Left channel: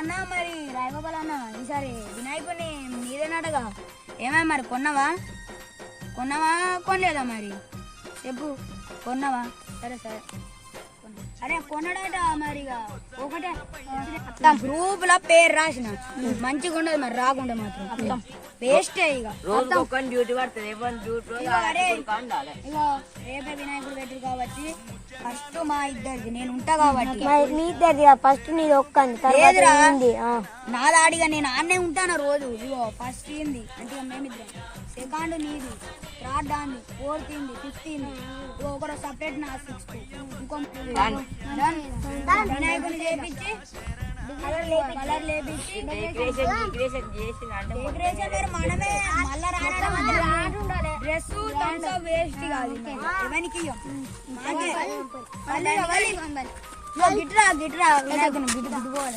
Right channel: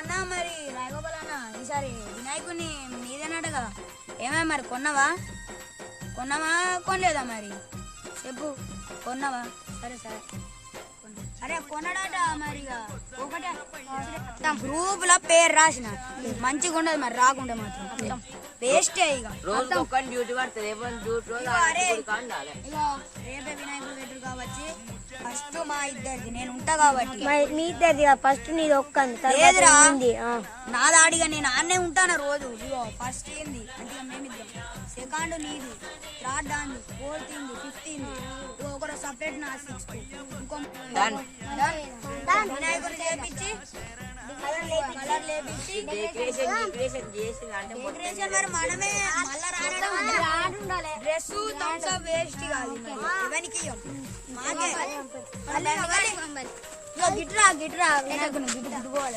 అన్న మరి రాయగోపాల్ అన్న ఈసారి వినాయకుడిని నీదేనటగా ఏమై మరి కొన్నావా? కొన్నావా? కొనలేదా మరి? చెప్పు. కొన్నావా? సరే సరే. అరే కొనడాట మరి ఒకటే. గ్రూప్లో పేరు రాసిన. మంచిగా ఉండదు మరి రాకుండా మాత్రం. వేస్టే డ్యూటీ పడుతుంది. రేపే వినాయకుడు పెట్టరు కాబట్టి ఫస్ట్ మా ఇద్దరికి నేను ఉంటా కాబట్టి. మరి మీ ఇద్దరిది ఫస్ట్ నీది ఒక్కంది తర్వాత లేదురా. ఆ. నా దాడిగా నేను ఆన్నే ఉంటాను రోజు? ఇగో ఫస్ట్ ఏంది? అంటే మేము ఇద్దరం. సెకండ్ నీది. థర్డ్ దాన్ని ఫోర్త్ ఇంది ఫిఫ్త్ ఇంది ఇగో ఒకరు సపరేట్ నా సిక్స్త్. ఇంకో చేపించి కలర్ లేపించి డెకరేషన్ మరి మనమే మళ్ళా డ్రెస్ థమ్స్ అప్ వేస్ట్ కాదు ఎవరికి ఇయ్యం. మాకే. మళ్ళీ ఇవ్వాలి. ఇగో గిట్రా గిట్రా వినాయకుని గిట్టు గిట్టుకోవాలి